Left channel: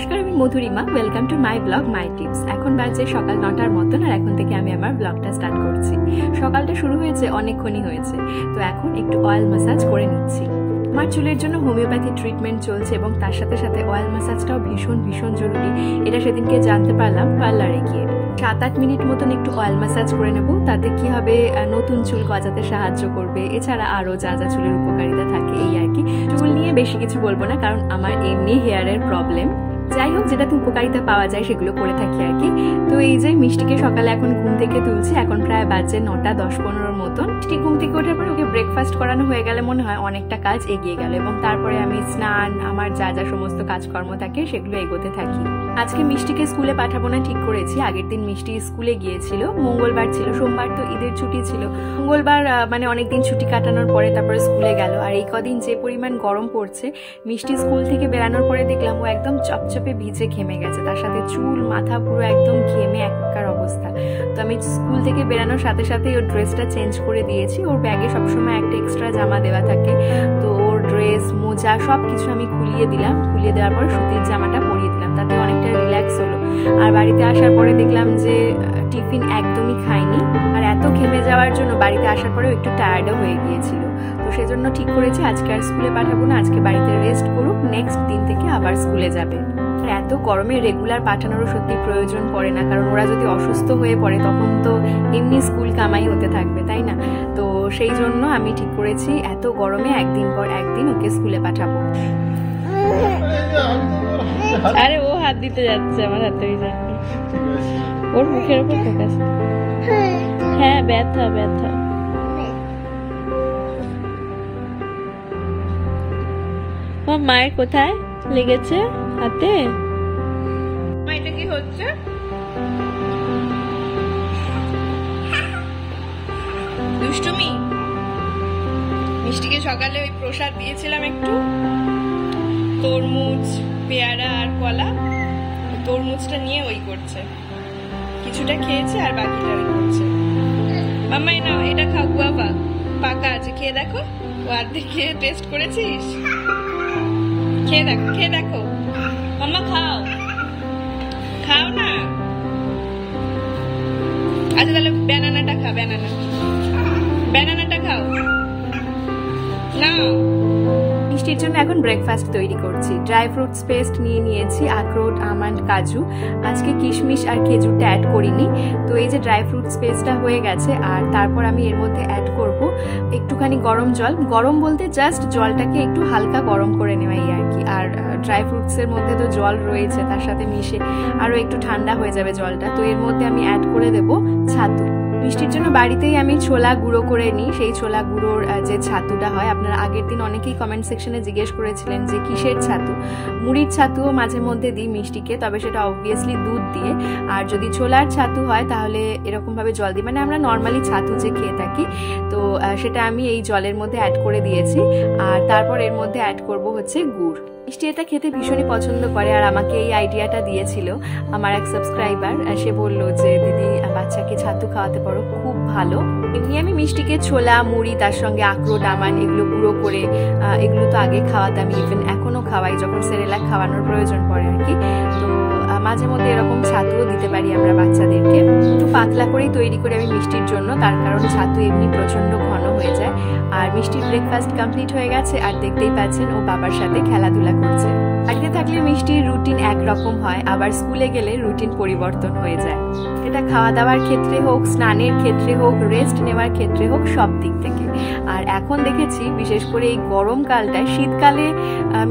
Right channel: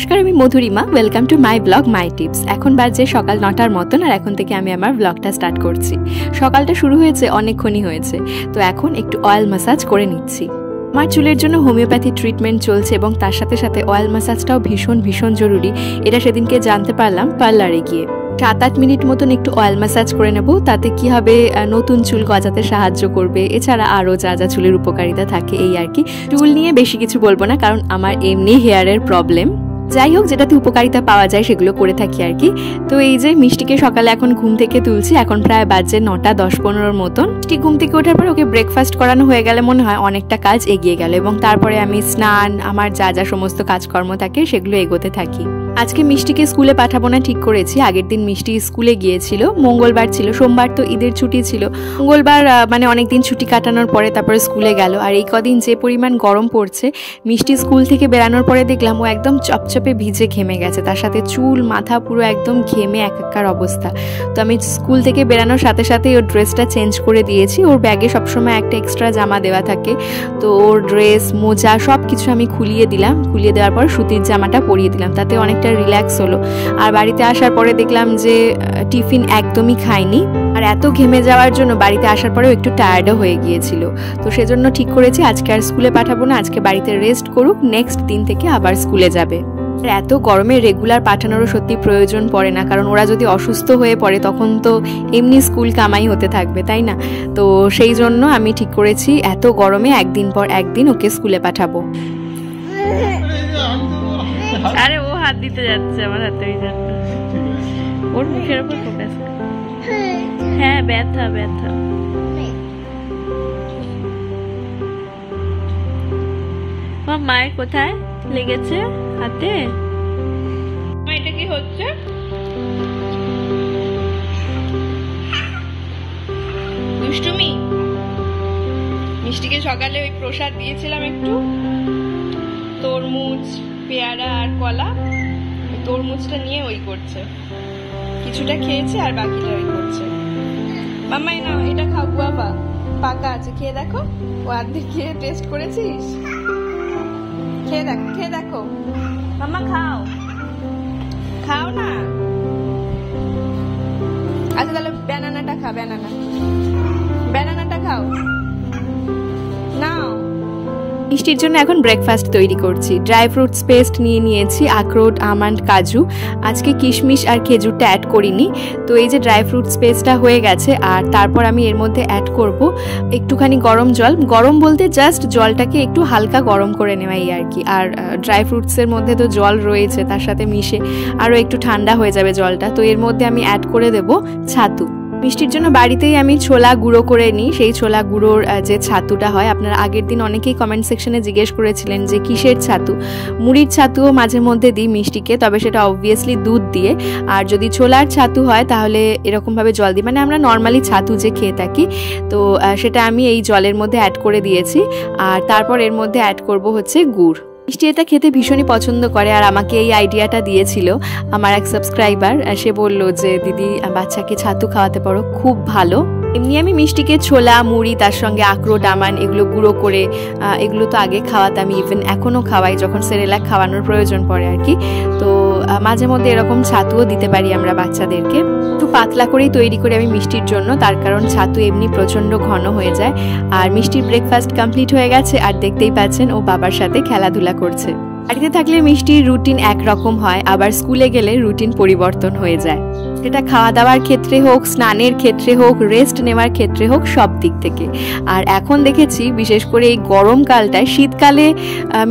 নমস্কার, আমি Madhurima. Welcome to my blog my tips. এখন বাজে সকাল 9টার মতন, আর এখন থেকে আমি আমার ব্লগটা স্টার্ট করছি। সকালটা শুরু হয়েছে, অনেকক্ষণই হয়েছে। তো এখন একটু অয়েল ম্যাসাজ করে নিচ্ছি। আমার চুলের জন্য হোমিওপ্যাথি ট্রিটমেন্ট চলছে এবং তার সাথে সাথে অয়েল ম্যাসাজটাও ভীষণ ভীষণ জরুরি। এটা সেদিনকে জানতে পারলাম পার্লারে গিয়ে। 7-8 মিনিট মতন একটু অয়েল ম্যাসাজ করে নেব। তাতে কি হবে, নতুন চুল গজাতে সাহায্য করবে। এছাড়া আরও যা যা চুলের উপকারিতা থাকে এই আর কি। চুল নিয়ে বেশি কিছু বলবো না, কারণ আমার এমনি হেয়ারের প্রবলেম। যাই হোক, যেটাতে উপকারিতা পাওয়া যায় সেগুলো করে থাকি আর কি। তো এই যে মিষ্টিকে সকালে এখন ঘুম থেকে তুলছি। এখন প্রায় বাজে 9টা 10-15 মতন। মিষ্টি ঘুম থেকে ওঠার পর ওকে ব্রেকফাস্ট করানো হয়ে গেলে মনে হয় অনেকটা কাজ এগিয়ে গেল, এবং তারপরে আমি স্নান, আমার যা যা সমস্ত কাজকর্ম থাকে সেগুলো এগোতে থাকি। আজকে মিষ্টিকে স্কুলে পাঠাবো না ঠিক করেছি। আগের দিন মিষ্টি স্কুলে গিয়েছিল, মঙ্গলবার ছিল, সোমবার তো ঈদের ছুটি ছিল। মঙ্গলবার মানে অনেকদিন ছুটি কাটানোর পরে তারপরে স্কুলে গেল। আর এই কদিন যে পরিমাণ গরম পড়ছে, মিষ্টি স্কুল থেকে বেরানোর পরে দেখলাম ও একদম চপচপে ভিজে ঘেমে গেছে। তার সাথে চুল মাথা পুরো একদম ঘেমে একাকার অবস্থা। তো আমি স্কুল থেকে বেরানোর সাথে সাথেই ওর ড্রেসটা চেঞ্জ করে দিয়েছি। ওর ব্যাগে সবসময় একটা এক্সট্রা জামা দেওয়া থাকে, তো ওর ড্রেস, মোজা সব কিছু আমি খুলিয়ে দিলাম। খুলিয়ে দেওয়ার পর সুতির জামাটা পরিয়ে দিলাম, তাতে অনেকটা রিল্যাক্স হলো। আর বাড়িতে আসার পরে দেখলাম যে টিফিন একদমই খায়নি, আর এত ঘেমে যাওয়ার জন্য বাড়িতে আসার পরেও একটু টায়ার্ডও হয়ে গিয়েছিল। তো সেজন্য ঠিক করেছি আজকে আর স্কুলে পাঠাবো না, আজকে বাড়িতে রেস্ট করুক, নেক্সট দিন থেকে আবার স্কুলে যাবে। এত গরমে রেগুলার পাঠানোরও সত্যি প্রয়োজন পড়ে না, কারণ ওরা যদি অসুস্থ হয়ে পড়ে তখন তো এমনি স্কুল কামাই হতে থাকবে, তাই না? তো সেই জন্য আমি ঠিক করেছি এত গরমে একদিন পর একদিন ওকে স্কুলে পাঠাবো। আরে ও হাত দিতে যাচ্ছে আমার হাতে, ওই জন্য ওর মুখের উপর ফোকাস। হ্যাঁ, ব্যথা ব্যথা। মায়ের কোথায় লেগেছে হাতে? এটা কি হচ্ছে? দুষ্টুমি। মিষ্টিকে সকালে ওই প্রসাদ দিয়েছিলাম একটু, তরমুজ, পেয়ারা আর কলা। তরমুজটা নিয়ে ওই করছে, কিছুটা খেয়েছে আর বাকিটা ওই করছে। মাম্মা এই নাও, এটা খাও, গুয়াভা পাকা আছে, খেয়ে দেখো। ও অর্ধেক খেয়ে টেস্ট করেছিস? খেয়ে দেখো, খেয়ে দেখো। মাম্মা খাও, খাও না। আচ্ছা তাহলে ব্যানানাটা খা, ব্যানানাটা খাও, নাও। মিষ্টির জন্য এখন ব্রেকফাস্ট তৈরি করছি। ড্রাই ফ্রুটস পেস্ট নিয়ে নিয়েছি, আখরোট, আমন্ড, কাজু। আজকে কিশমিশ আর খেজুরটা অ্যাড করিনি। তো এই যে ড্রাই ফ্রুটস পেস্টটা হয়ে গেছে, আর তারপর আমি এর মধ্যে অ্যাড করব একটুখানি গরম জল। গরম বলতে জাস্ট জলটাকে একটু হালকা গরম করে নেওয়াই আর কি। আর ড্রাই ফ্রুটসের মধ্যে তো জল রয়েছে, তার সাথে মিশে আরও একটু ঠান্ডা হয়ে যাবে জলটা। তো এর মধ্যে আমি অ্যাড করে দেব ছাতু। মিষ্টির জন্য বাড়িতেই আমি ছোলা গুঁড়ো করে নিই। সেই ছোলা গুঁড়োর যে ছাতুটা হয়, আপনারা আগের দিন অনেকেই কমেন্ট সেকশনে জিজ্ঞেস করেছিলেন যে কিসের ছাতু। মুড়ির ছাতুও মাঝে মধ্যে দিই মিষ্টিকে, তবে সেটা অবভিয়াসলি দুধ দিয়ে। আর যদি ছোলার ছাতু হয় তাহলে এরকমভাবে জল দিই, মানে আমরা নর্মালি ছাতু যে খেয়ে থাকি, তো সেটা আমি এই জলের মধ্যে অ্যাড করে দিয়েছি। আর তারপর এর মধ্যে অ্যাড করব হচ্ছে গুড়। মিষ্টি এটা খেতে ভীষণই পছন্দ করে, আর আমাকে এই আইডিয়াটা দিয়েছিল আমার এক সাবস্ক্রাইবার। সে বলল যে দিদি, বাচ্চাকে ছাতু খাওয়াতে পারো, খুব ভালো। এমনি আমি মিষ্টিকে ছোলা, মুড়ি, তার সঙ্গে আখরোট, আমন্ড এগুলো গুঁড়ো করে, এগুলো তো আগে খাওয়াতাম, ইভেন এখনও খাওয়াই যখন সেরেলাক খাওয়ানোর প্রয়োজন পড়ে আর কি। তো মাঝে মধ্যে এরকম ছাতুও দিতে পারি আমরা বাচ্চাদেরকে। একটু পাতলা করেই তৈরি করি আমি মিষ্টির জন্য, তার কারণ ছাতু এমনি প্রচণ্ড ঘন হয়ে যায়। আর মিষ্টির ব্রেকফাস্ট কমপ্লিট হয়ে গেছে, আর দেখতেই পাচ্ছেন ও বাবার সাথে খেলাধুলা করছে। বাড়িতে থাকলে মিষ্টির রুটিন একরকম হয়, আবার স্কুলে গেলে রুটিন পরিবর্তন হয়ে যায়। এটা খাওয়া দাওয়ার ক্ষেত্রে হোক, স্নানের ক্ষেত্রে হোক, রেস্ট নেওয়ার ক্ষেত্রে হোক, সব দিক থেকে। আর এখন দেখেছি বিশেষ করে এই গরমকালটায়, শীতকালে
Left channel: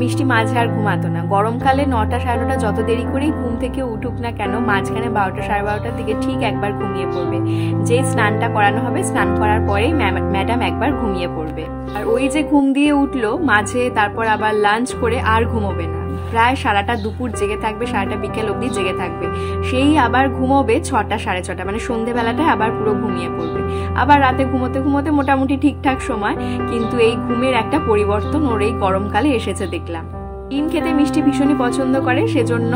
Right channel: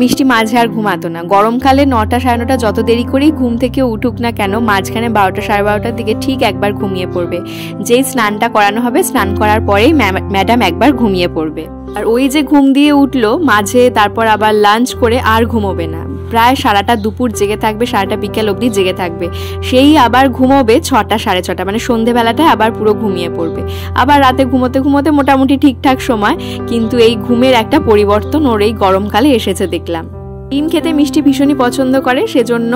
মিষ্টি মাঝে আর ঘুমাতো না। গরমকালে 9টা 9:30 যত দেরি করেই ঘুম থেকে উঠুক না কেন, মাঝখানে 12টা 12:30 দিকে ঠিক একবার ঘুমিয়ে পড়বে। যেই স্নানটা করানো হবে, স্নান করার পরেই ম্যাডাম একবার ঘুমিয়ে পড়বে। আর ওই যে ঘুম দিয়ে উঠলো মাঝে, তারপর আবার লাঞ্চ করে আর ঘুমোবে না। প্রায় সারাটা দুপুর জেগে থাকবে, সারাটা বিকেল অবধি জেগে থাকবে। সেই আবার ঘুমোবে 6টা 6:30, মানে সন্ধেবেলাটায় আবার পুরো ঘুমিয়ে পড়বে। আবার রাতে ঘুমোতে ঘুমোতে মোটামুটি ঠিকঠাক সময়, কিন্তু এই ঘুমের একটা পরিবর্তন ওর এই গরমকালে এসেছে দেখলাম। ডিম খেতে মিষ্টি ভীষণই পছন্দ করে, সেজন্য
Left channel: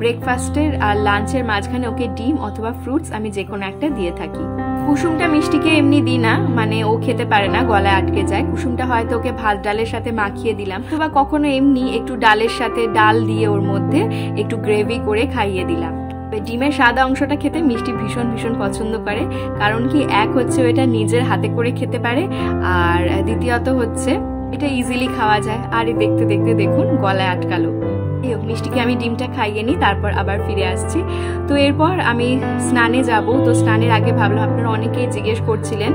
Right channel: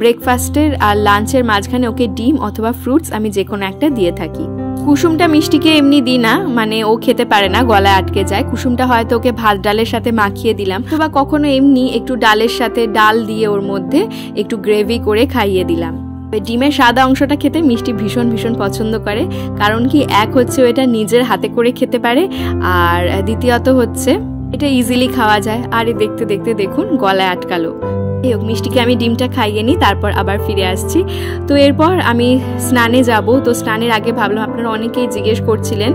ব্রেকফাস্টের আর লাঞ্চের মাঝখানে ওকে ডিম অথবা ফ্রুটস আমি যে কোনো একটা দিয়ে থাকি। কুসুমটা মিষ্টিকে এমনি দিই না, মানে ও খেতে পারে না, গলায় আটকে যায়। কুসুমটা হয়তো ওকে ভাত ডালের সাথে মাখিয়ে দিলাম, অথবা কখনো এমনি একটু ডালের সাথে ডাল দিয়ে ওর মধ্যে একটু গ্রেভি করে খাইয়ে দিলাম। ডিমের সাদা অংশটা খেতে মিষ্টি ভীষণ ভীষণ পছন্দ করে, কারণ কি এক হচ্ছে এটা নিজের হাতে করে খেতে পারে, আর দ্বিতীয়ত হচ্ছে এটা ইজিলি খাওয়া যায়। আর দেখতে দেখতে দেখুন গলায় আটকালো। মিষ্টিকে আমি ডিমটা খাইয়ে নিই, তারপর আবার ফিরে আসছি। তো এরপর আমি স্নানে যাব। তো স্নানের আগে ভাবলাম, আপনারা অনেকেই জিজ্ঞেস করছিলেন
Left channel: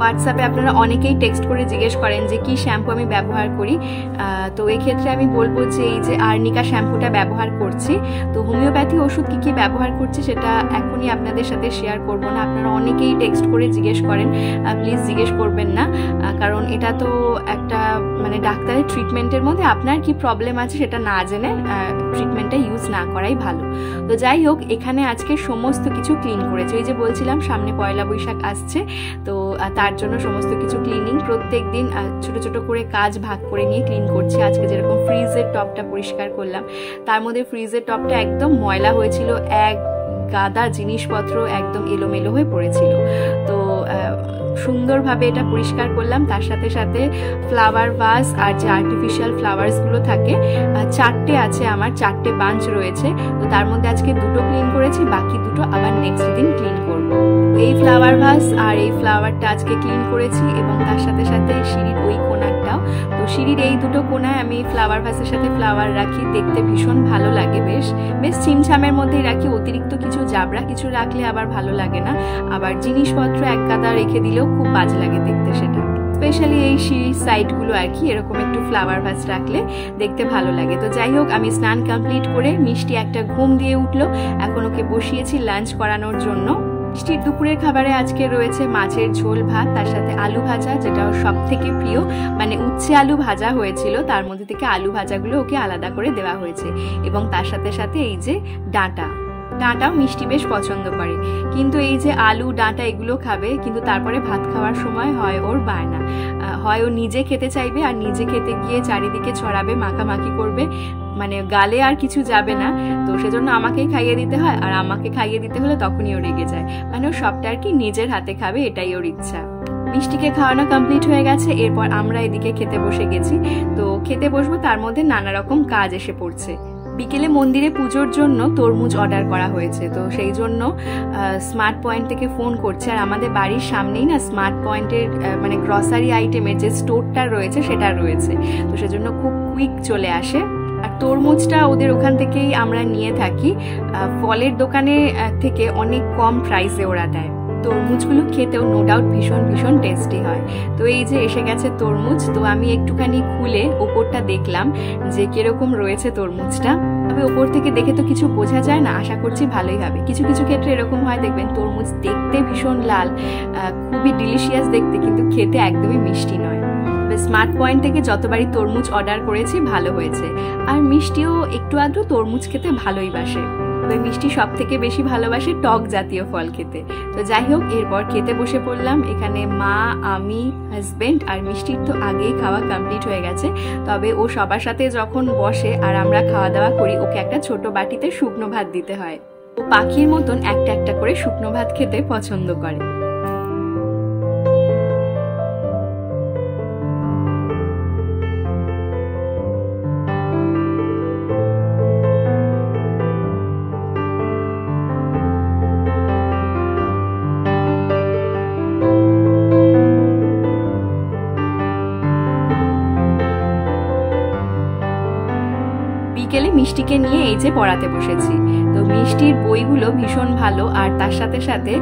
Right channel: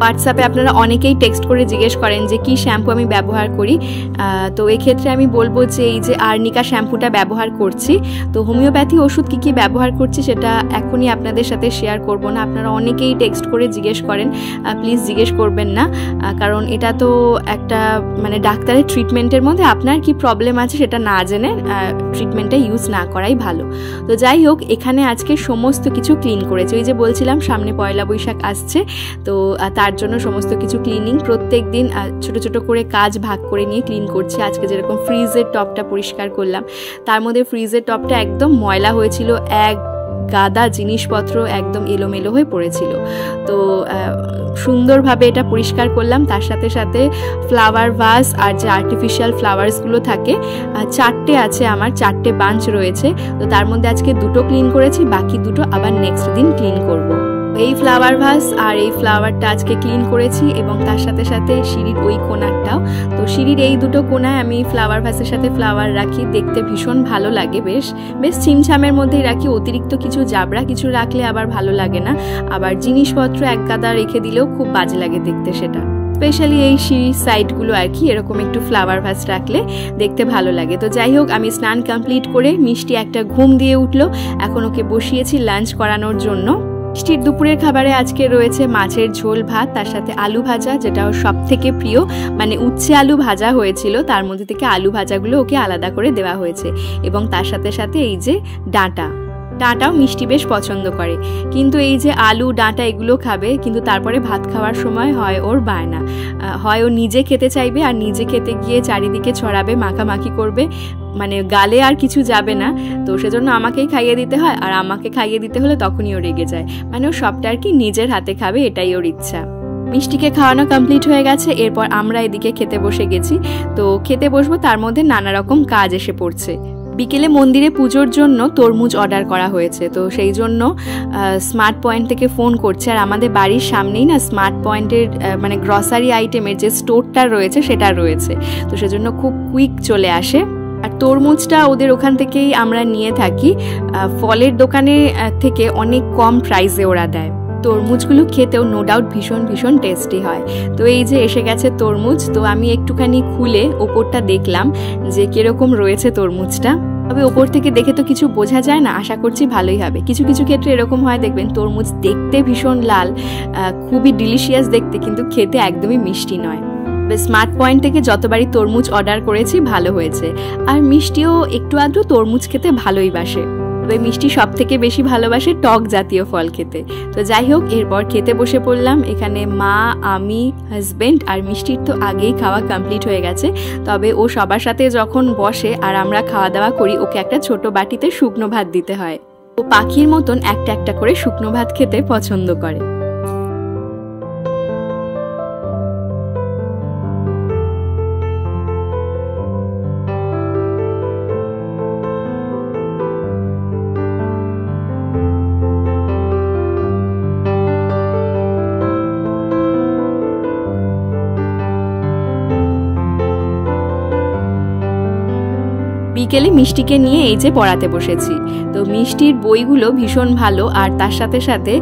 হোয়াটসঅ্যাপে, আপনারা অনেকেই টেক্সট করে জিজ্ঞেস করেন যে কি শ্যাম্পু আমি ব্যবহার করি। তো এক্ষেত্রে আমি বলবো যে এই যে আর্নিকা শ্যাম্পুটা ব্যবহার করছি। তো হোমিওপ্যাথি ওষুধ কি কি ব্যবহার করছি সেটা এখনই আপনাদের সাথে শেয়ার করব না। আপনারা অনেকেই টেক্সট করে জিজ্ঞেস করেন, প্লিজ জিজ্ঞেস করবেন না, কারণ এটা তো একটা মানে ডাক্তারের ট্রিটমেন্টের মধ্যে আপনার কি প্রবলেম আছে সেটা না জেনে ট্রিটমেন্টটা ইউজ না করাই ভালো। তো যাই হোক, এখানে আজকে সমস্ত কিছু ক্লিন করেছি। ওই যে বলছিলাম সামনে পয়লা বৈশাখ আসছে, তো তার জন্য সমস্ত কিছু ক্লিনিং প্রত্যেক দিন ছোট ছোট করে কাজ ভাগ করে নিয়ে ক্লিন করছি। আজকে যেরকম ফ্রিজের টপটা পরিষ্কার করলাম, তার মধ্যে ফ্রিজের টপটা একদম ময়লা হয়েছিল, এক গাদা জিনিসপত্র একদম এলোমেলো হয়ে পড়েছিল। তো সুন্দরভাবে এটা পরিষ্কার করলাম। তার সাথে সাথে ফ্লাওয়ার ভাস আর যে আর্টিফিশিয়াল ফ্লাওয়ার্সগুলো থাকে, 4টে আছে আমার, 4টে বাঞ্চ রয়েছে। তো তার মধ্যে আজকে 2টো ক্লিন করেছি, বাকি 2টো আবার নেক্সট দিন ক্লিন করব। এই ফ্লাওয়ার ভাস আর এই ফ্লাওয়ারটা আজকে ক্লিন করেছি, এবং তার সাথে সাথে সিঁড়ির ওই কোণারটাও। তো সিঁড়ির এই 2টো কোণায় আমি ফ্লাওয়ার ভাসের সাথে ফ্লাওয়ার রাখি, দেখতে ভীষণ ভালো লাগে, বেশ ছিমছামের মধ্যেই রাখি। অতিরিক্ত কিছু জাবড়া কিছু রাখলে আবার ভালো লাগে না, আবার জিনিসপত্র এক গাদা রেখে দিলেও খুব বাজে লাগে দেখতে সেটা। স্পেশালি এই সিঁড়ির সাইডগুলো আর কি এরকম একটু ফ্লাওয়ার ভাস রাখলে দেখতে ভালো লাগে। তো যাই হোক, আমি স্নান কমপ্লিট করে মিষ্টি একটা ঘুম দিয়ে উঠলো, এখন ওকে বসিয়েছি লাঞ্চ করানোর জন্য। মিষ্টির দুপুরের খাবারে আজকে রয়েছে মাছের ঝোল ভাত, তার সাথে আলু ভাজা, যেটা ওর সব থেকে প্রিয়, মানে উচ্ছে আলু ভাজা হয়েছিল, তার মধ্যে থেকে আলু ভাজাগুলো ওকে আলাদা করে দেওয়া হয়েছে, এবং তার সাথে সাথে এই যে ডাঁটাও মিষ্টি বেশ পছন্দ করে। কিন্তু এই যে আলু ডাঁটা এগুলো খাবে, কিন্তু তারপরে ভাত খাওয়ার সময় হয় ওর বায়না, হয় ও নিজে খেতে চাইবে, আর নিজে খেতে গিয়ে চারিদিকে ছড়াবে, মাখামাখি করবে, মানে গালে আর কিছু যাবে না। তো সেজন্য আমাকেই খাইয়ে দিতে হয়, আর আমাকে খাইয়ে দিতে হলে তখনই ও রেগে যায়, মানে ও সবটা আর কি নিজের হাতে খাবে, এটাই ওর ইচ্ছা। মিষ্টিকে খাওয়ানো কমপ্লিট হয়ে গেছে, এরপর আমরা এদিকে খেতে বসে গেছি। তো খেতে বসবো, তার মধ্যে নানা রকম কাজ এসে পড়ছে। বিকেলে মন্দিরে পুজোর জন্য তরমুজ অর্ডার করা হয়েছে, তো সেই জন্য স্মার্ট পয়েন্ট থেকে ফোন করছে। আর আমাদের বাড়ির সামনেই না স্মার্ট পয়েন্টের মানে গ্রসারি আইটেমের যে স্টোরটা রয়েছে সেটা রয়েছে, তো সেজন্য খুব কুইক চলে আসে। আর তরমুজটা ওদের ওখান থেকেই আমরা নিয়ে থাকি, ফলের দোকানে থেকে অনেক কম প্রাইসে ওরা দেয়। তরমুজগুলো খেতেও নো ডাউট ভীষণ ভীষণ টেস্টি হয়। তো এই যে এসে গেছে তরমুজ, তো আমি একটুখানি খুলে ওপরটা দেখলাম যে কিরকম রয়েছে তরমুজটা। তবে ওপর থেকে দেখে তো কিছু বোঝা যায় না, আশা করছি ভালোই হবে। কিছু কিছু ক্ষেত্রে এরকম হয়, দেখবেন তরমুজ দেখতে ভীষণ লাল, খুবই ডিলিশিয়াস দেখতে, কিন্তু খেতে একদমই মিষ্টি নয়। স্মার্ট পয়েন্ট থেকে যতবারই তরমুজ অর্ডার করেছি ভালো হয়েছে, আর মিষ্টিও একটু আধটু তরমুজ খেতে ভালোই বাসে। তবে মিষ্টি সব থেকে বেশি ভালোবাসে টক জাতীয় ফল খেতে। তো যাই হোক, এরপর খেতে বসে পড়লাম। এখানে মা, আমি, হাজবেন্ড আর মিষ্টির তো আগেই খাওয়া কমপ্লিট হয়ে গেছে, তবে ও সবার সাথে যখন বসে আর আমরা খাওয়া দাওয়া করি, ওকে একটা ছোট বাটিতে শুকনো ভাত দিতে হয়। ও পাখির মতন একটা একটা করে শুকনো ভাত খেতে পছন্দ করে। বিকেলে মিষ্টিকে নিয়ে এই যে পড়াতে বসেছি। তো মিষ্টির বইগুলো ভীষণ ভালো, আর তার সাথে সাথে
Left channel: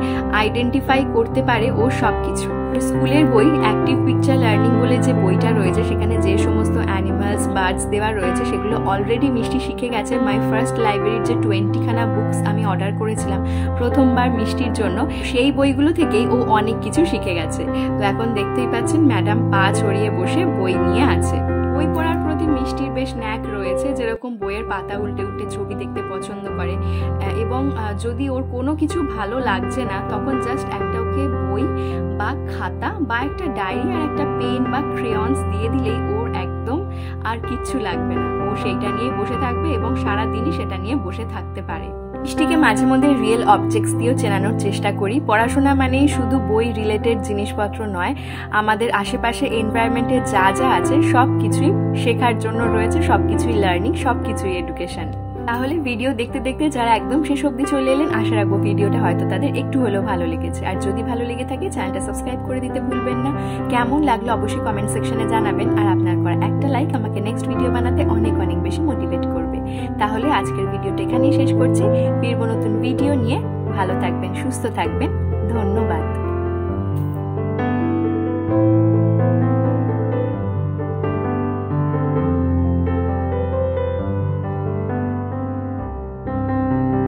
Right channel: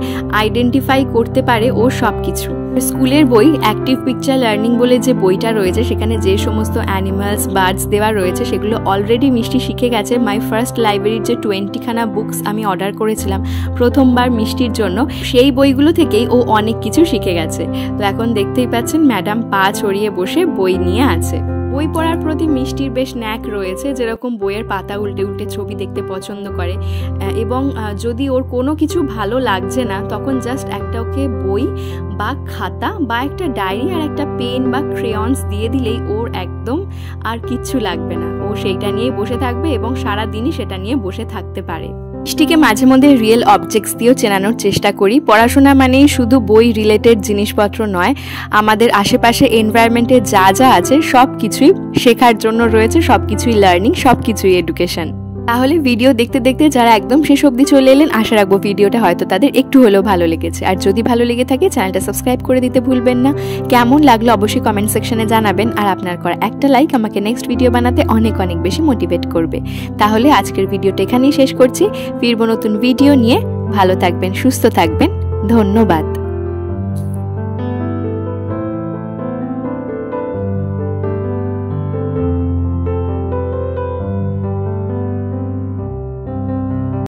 আইডেন্টিফাই করতে পারে ও সব কিছু। স্কুলের বই অ্যাক্টিভ পিকচার লার্নিং বলে যে বইটা রয়েছে, সেখানে যে সমস্ত অ্যানিমালস, বার্ডস দেওয়া রয়েছে সেগুলো অলরেডি মিষ্টি শিখে গেছে। মাই ফার্স্ট লাইব্রেরির যে 20খানা বুকস আমি অর্ডার করেছিলাম প্রথমবার মিষ্টির জন্য, সেই বইগুলো থেকেই ও অনেক কিছু শিখে গেছে। তো এখন দেখতেই পাচ্ছেন ম্যাডাম পা ছড়িয়ে বসে বই নিয়ে আছে। বই পড়ার প্রতি মিষ্টির বেশ ন্যাক রয়েছে, যেরকম বইয়ের পাতা উল্টে উল্টে ছবি দেখতে পছন্দ করে, এবং যদি ওর কোনো কিছু ভালো লাগছে না তখন জাস্ট একটা ওকে বই বা খাতা বা একটা ডায়েরি আর একটা পেন বা ক্রেয়ন্স দিয়ে দিলেই ওর একদম আর কিচ্ছু লাগবে না, ও সেইটা নিয়ে বসে থাকবে এবং সারা দিনই সেটা নিয়ে বসে থাকতে পারে। মিষ্টিকে মাঝে মধ্যে রিয়েল অবজেক্টস দিয়েও চেনানোর চেষ্টা করি। পড়াশোনা মানেই শুধু বই রিলেটেড জিনিসপত্র নয়, আমাদের আশেপাশে এনভায়রনমেন্টে যা যা আছে সব কিছুই শেখার জন্য রয়েছে, সব কিছুই লার্নিং, সব কিছুই এডুকেশন। তাহলে ভিডিও দেখতে দেখতে যারা একদম শেষ অবধি চলে এলেন, আশা রাখবো ভিডিওটা হয়তো তাদের একটু হলেও ভালো লেগেছে। আর যদি ভালো লেগে থাকে চ্যানেলটা সাবস্ক্রাইব করে দিতে ভুলবেন না। কেমন লাগলো অবশ্যই কমেন্ট সেকশনে জানাবেন, আর আপনার করা একটা লাইক আমাকে নেক্সট ভিডিও বানাতে অনেক অনেক বেশি মোটিভেট করবে। তাহলে আজকের ভিডিওটা এখানেই শেষ করছি, ফিরবো নতুন ভিডিও নিয়ে। ভালো থাকবেন, সুস্থ থাকবেন, ধন্যবাদ।